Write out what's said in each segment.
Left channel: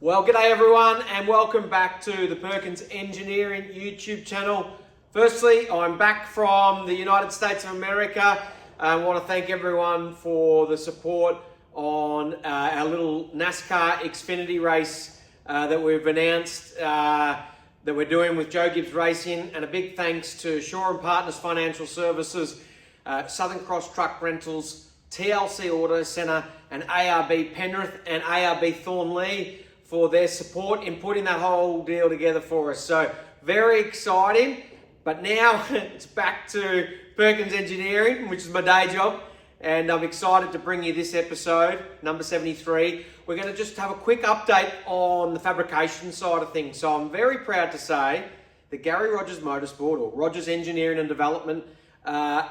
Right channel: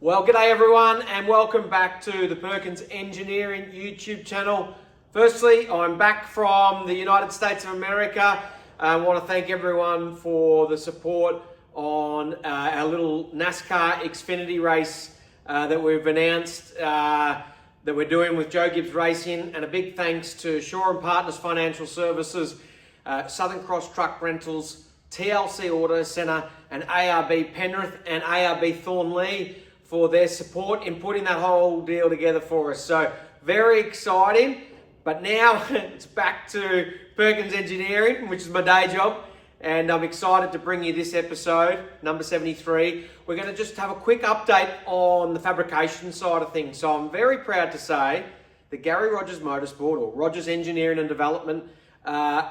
Well, g'day everyone and welcome back to the Perkins Engineering YouTube channel. Firstly, I'm back from the United States of America. I want to thank everyone for the support on our little NASCAR Xfinity race that we've announced that we're doing with Joe Gibbs Racing, and a big thanks to Shaw and Partners Financial Services, Southern Cross Truck Rentals, TLC Auto Centre and ARB Penrith and ARB Thornley for their support in putting that whole deal together for us. So very exciting, but now it's back to Perkins Engineering, which is my day job, and I'm excited to bring you this episode, number 73. We're going to just have a quick update on the fabrication side of things. So I'm very proud to say that Gary Rogers Motorsport, or Rogers Engineering and Development,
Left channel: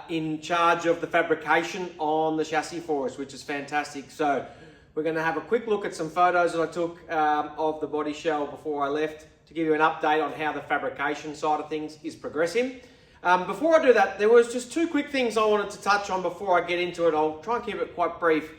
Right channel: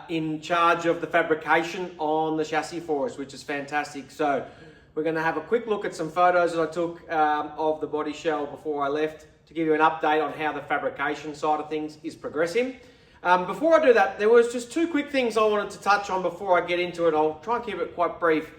in charge of the fabrication on the chassis for us, which is fantastic. So we're going to have a quick look at some photos that I took of the body shell before I left to give you an update on how the fabrication side of things is progressing. Before I do that, there was just two quick things I wanted to touch on before I get into it. I'll try and keep it quite brief,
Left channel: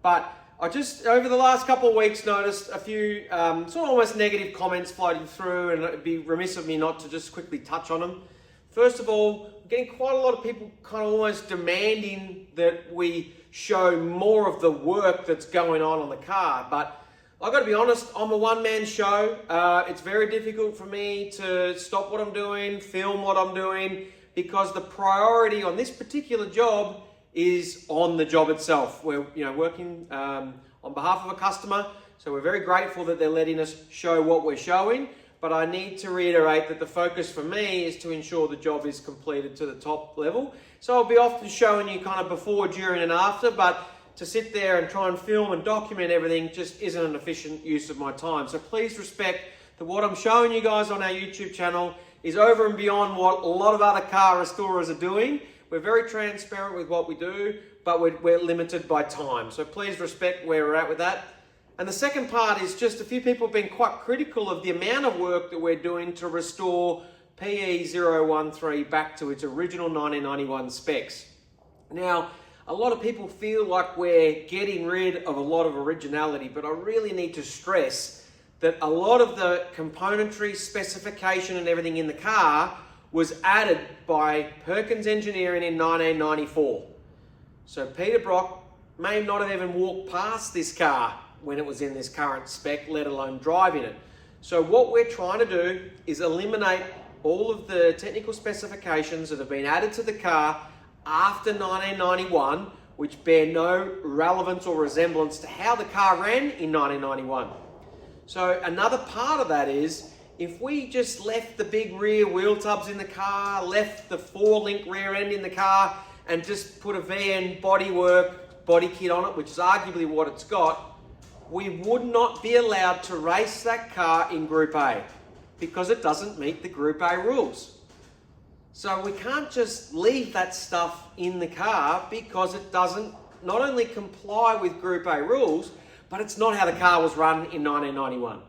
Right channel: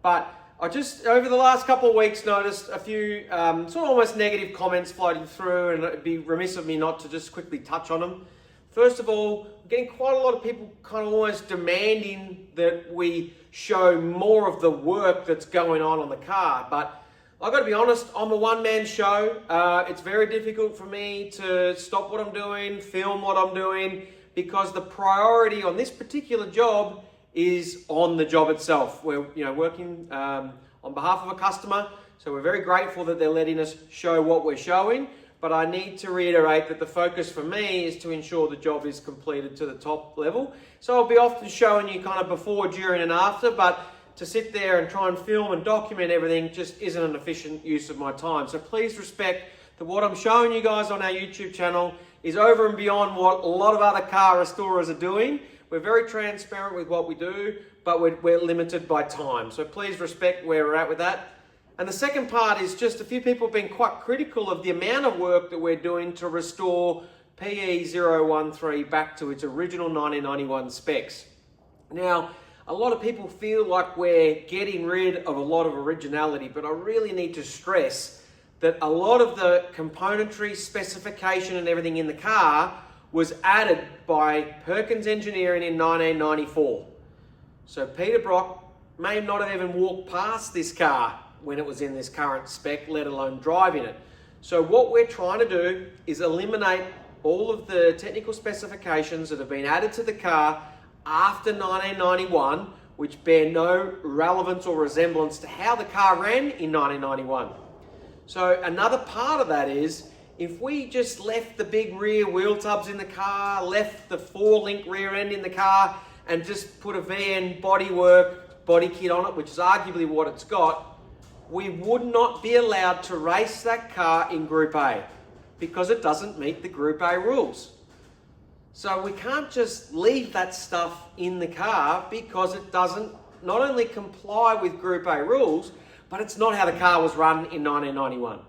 but I just, over the last couple of weeks, noticed a few sort of almost negative comments floating through, and it'd be remiss of me not to just quickly touch on them. First of all, I'm getting quite a lot of people kind of almost demanding that we show more of the work that's going on the car. But I've got to be honest, I'm a one-man show. It's very difficult for me to stop what I'm doing, film what I'm doing, because the priority on this particular job is on the job itself. We're working on behalf of a customer, so we're very grateful that they're letting us show what we're showing. But I need to reiterate that the focus for me is to ensure the job is completed to the top level. So I'll be often showing you kind of before, during and after, but to sit there and try and film and document everything just isn't an efficient use of my time. So please respect that what I'm showing you guys on our YouTube channel is over and beyond what a lot of other car restorers are doing. We're very transparent with what we do, but we're limited by time. So please respect where we're at with that. And the second part is just a few people have been quite critical of the amount of work that we're doing to restore PE013 back to its original 1991 specs. Now, a lot of people feel like we're getting rid of a lot of originality, but I really need to stress that a lot of the componentry, specification and everything in the car was added by Perkins Engineering in 1994. So Peter Brock may not have even walked past this car when it was in this current spec, let alone driving it. So what we're trying to do is eliminate all of the technical specifications that have been added to the car after 1991, which bear no relevance or resemblance to how the car ran in 1991. So another part of that is, if we just left the big rear wheel tubs in the car, left the 4-link rear end in the car, and just put a VN bodywork body kit on it, which is arguably what it's got, we would not be allowed to race that car in Group A because it doesn't meet the Group A rules. So we can't just leave that stuff in the car because it doesn't not only comply with Group A rules, but it's not how the car was run in 1991.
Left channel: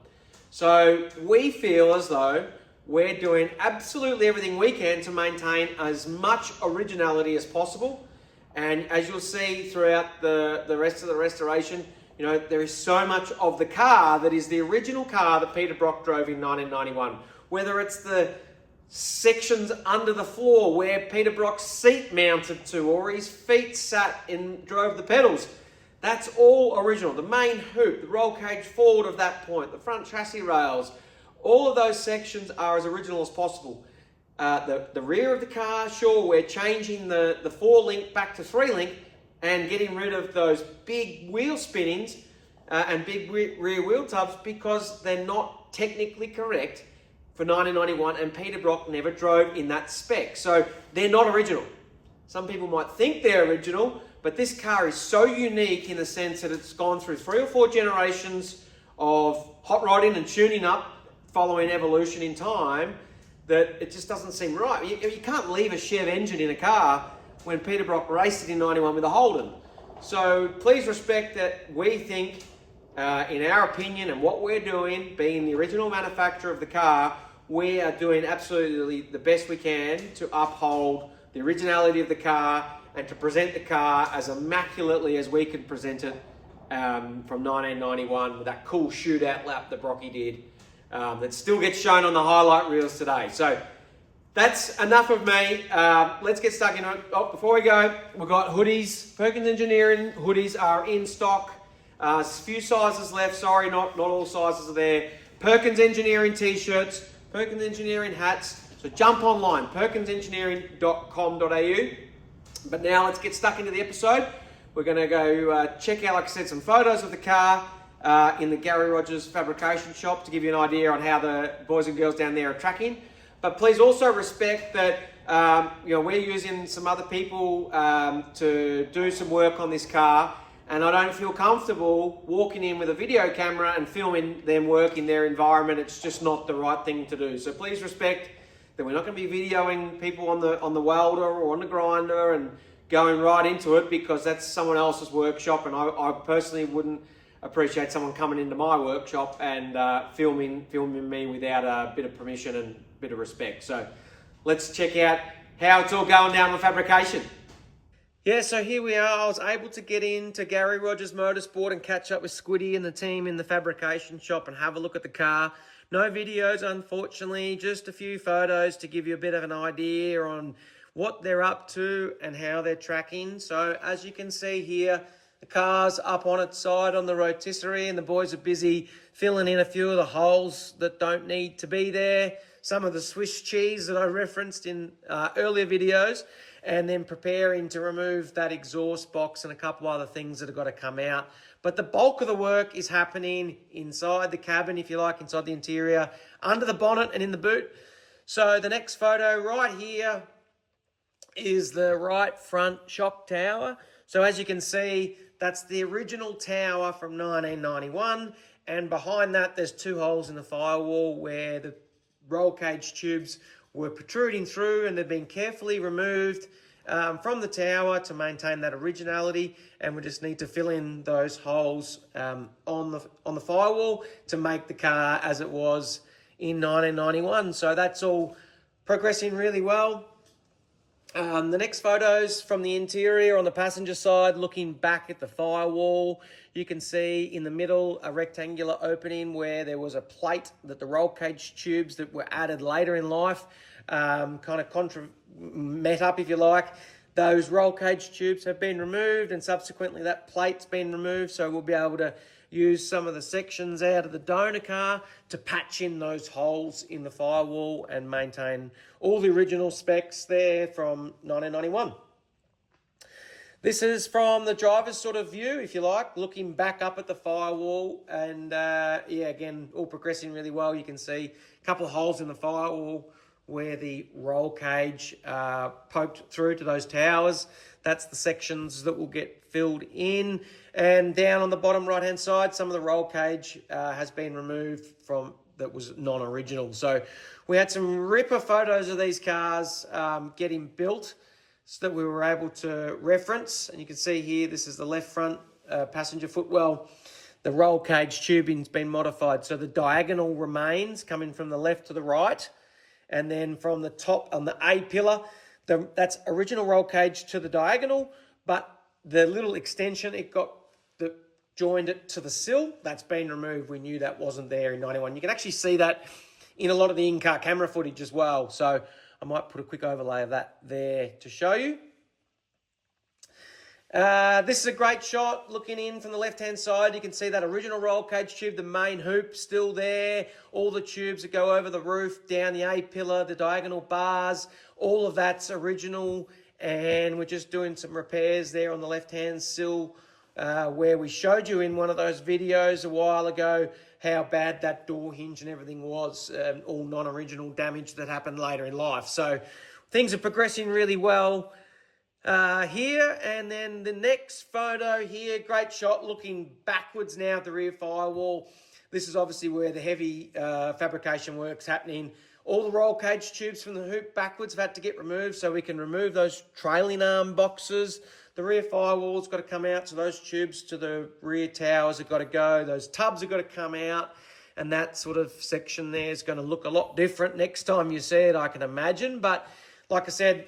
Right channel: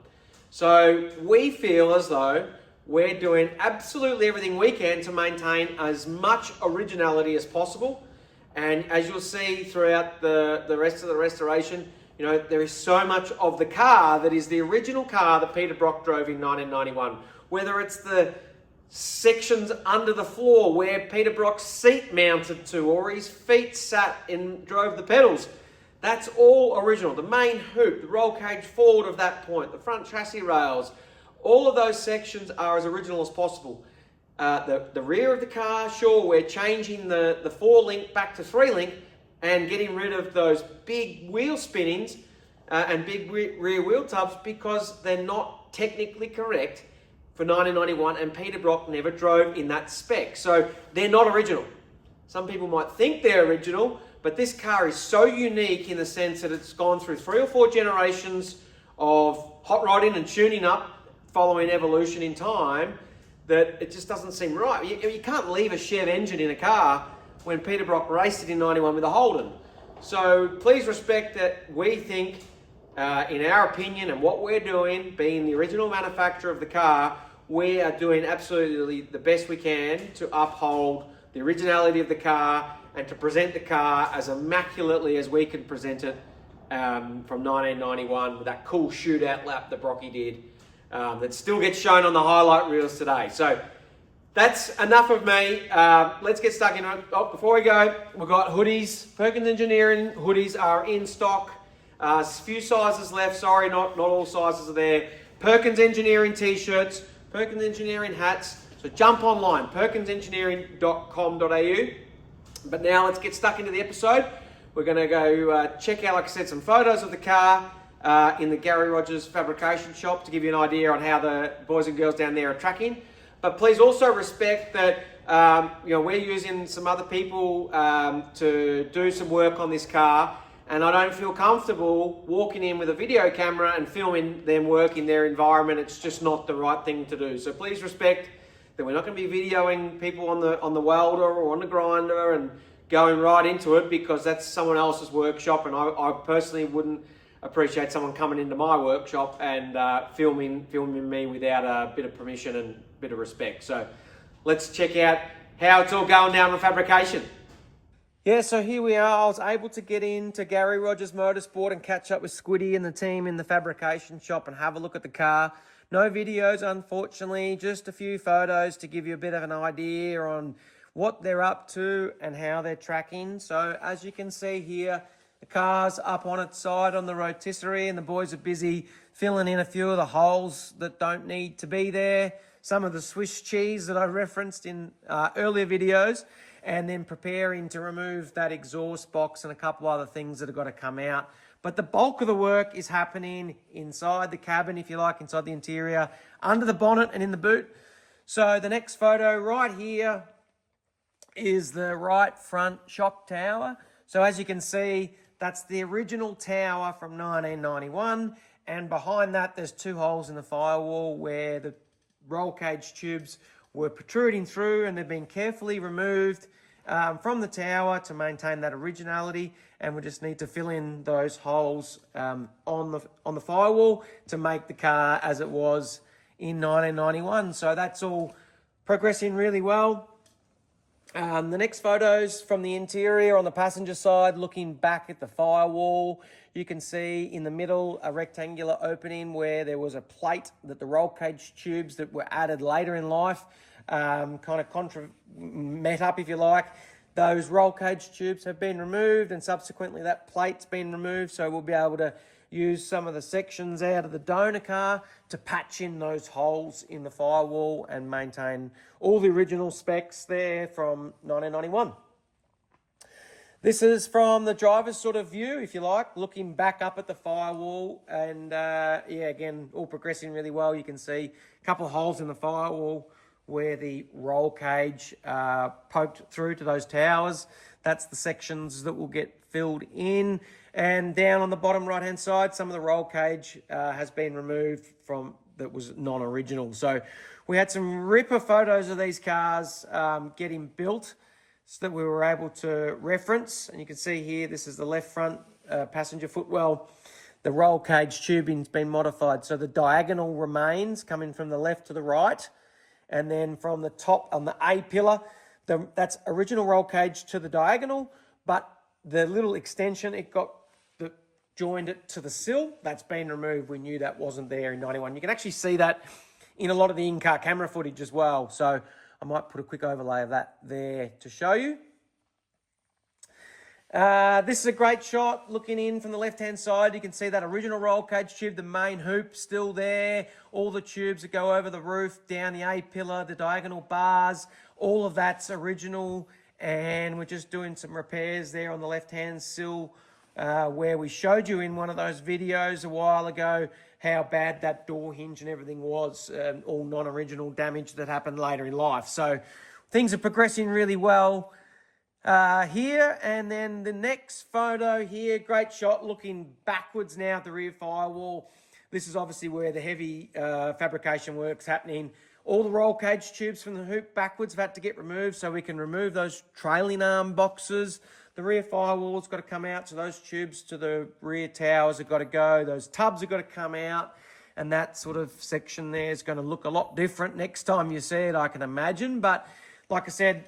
So we feel as though we're doing absolutely everything we can to maintain as much originality as possible. And as you'll see throughout the rest of the restoration, there is so much of the car that is the original car that Peter Brock drove in 1991. Whether it's the sections under the floor where Peter Brock's seat mounted to, or his feet sat and drove the pedals, that's all original. The main hoop, the roll cage forward of that point, the front chassis rails, all of those sections are as original as possible. The rear of the car, sure, we're changing the 4-link back to 3-link, and getting rid of those big wheel spinnings and big rear wheel tubs because they're not technically correct for 1991, and Peter Brock never drove in that spec. So they're not original. Some people might think they're original, but this car is so unique in the sense that it's gone through 3 or 4 generations of hot rodding and tuning up following evolution in time that it just doesn't seem right. You can't leave a Chev engine in a car when Peter Brock raced it in 91 with a Holden. So please respect that we think, in our opinion and what we're doing, being the original manufacturer of the car, we are doing absolutely the best we can to uphold the originality of the car and to present the car as immaculately as we can present it from 1991 with that cool shootout lap that Brocky did that still gets shown on the highlight reels today. So that's enough of me. Let's get stuck into it. Oh, before we go, we've got hoodies. Perkins Engineering hoodies are in stock. A few sizes left. Sorry, not all sizes are there. Perkins Engineering t-shirts, Perkins Engineering hats. So jump online, perkinsengineering.com.au. But now let's get stuck into the episode. We're going to go check out, like I said, some photos of the car in the Gary Rogers Fabrication shop to give you an idea on how the boys and girls down there are tracking. But please also respect that we're using some other people to do some work on this car, and I don't feel comfortable walking in with a video camera and filming them work in their environment. It's just not the right thing to do. So please respect that we're not going to be videoing people on the welder or on the grinder and going right into it, because that's someone else's workshop, and I personally wouldn't appreciate someone coming into my workshop and filming me without a bit of permission and a bit of respect. So let's check out how it's all going down with fabrication. Yeah, so here we are. I was able to get into Gary Rogers Motorsport and catch up with Squiddy and the team in the fabrication shop and have a look at the car. No videos, unfortunately, just a few photos to give you a bit of an idea on what they're up to and how they're tracking. So as you can see here, the car's up on its side on the rotisserie, and the boys are busy filling in a few of the holes that don't need to be there. Some of the Swiss cheese that I referenced in earlier videos, and then preparing to remove that exhaust box and a couple other things that have got to come out. But the bulk of the work is happening inside the cabin, if you like, inside the interior, under the bonnet and in the boot. So the next photo right here is the right front shock tower. So as you can see, that's the original tower from 1991. And behind that, there's two holes in the firewall where the roll cage tubes were protruding through, and they've been carefully removed from the tower to maintain that originality. And we just need to fill in those holes on the firewall to make the car as it was in 1991. So that's all progressing really well. The next photos from the interior on the passenger side, looking back at the firewall. You can see in the middle a rectangular opening where there was a plate that the roll cage tubes that were added later in life kind of met up, if you like. Those roll cage tubes have been removed, and subsequently that plate's been removed, so we'll be able to use some of the sections out of the donor car to patch in those holes in the firewall and maintain all the original specs there from 1991. This is from the driver's sort of view, if you like, looking back up at the firewall, and yeah, again, all progressing really well. You can see a couple of holes in the firewall where the roll cage poked through to those towers. That's the sections that will get filled in. And down on the bottom right-hand side, some of the roll cage has been removed from that was non-original. So we had some ripper photos of these cars getting built so that we were able to reference. And you can see here, this is the left front passenger footwell. The roll cage tubing's been modified. So the diagonal remains coming from the left to the right. And then from the top on the A pillar, that's original roll cage to the diagonal, but the little extension, it got joined it to the sill, that's been removed. We knew that wasn't there in 91. You can actually see that in a lot of the in-car camera footage as well. So I might put a quick overlay of that there to show you. This is a great shot looking in from the left-hand side. You can see that original roll cage tube, the main hoop still there. All the tubes that go over the roof, down the A-pillar, the diagonal bars, all of that's original. And we're just doing some repairs there on the left-hand sill where we showed you in one of those videos a while ago how bad that door hinge and everything was, all non-original damage that happened later in life. So things are progressing really well here. And then the next photo here, great shot looking backwards now at the rear firewall. This is obviously where the heavy fabrication work's happening. All the roll cage tubes from the hoop backwards have had to get removed so we can remove those trailing arm boxes. The rear firewall's got to come out, so those tubes to the rear towers have got to go. Those tubs have got to come out, and that sort of section there is going to look a lot different next time you see it, I can imagine. But like I said,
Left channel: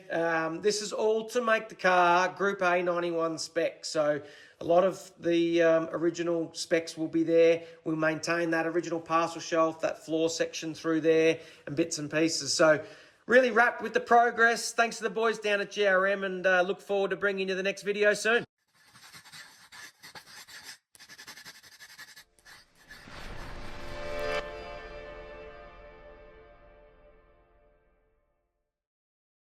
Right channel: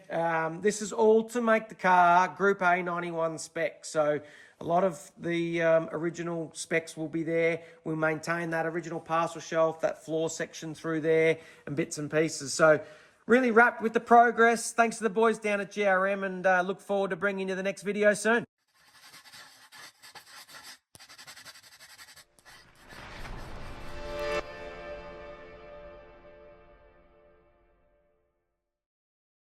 this is all to make the car Group A 91 spec. So A lot of the original specs will be there. We'll maintain that original parcel shelf, that floor section through there, and bits and pieces. So really wrapped with the progress. Thanks to the boys down at GRM, and look forward to bringing you the next video soon.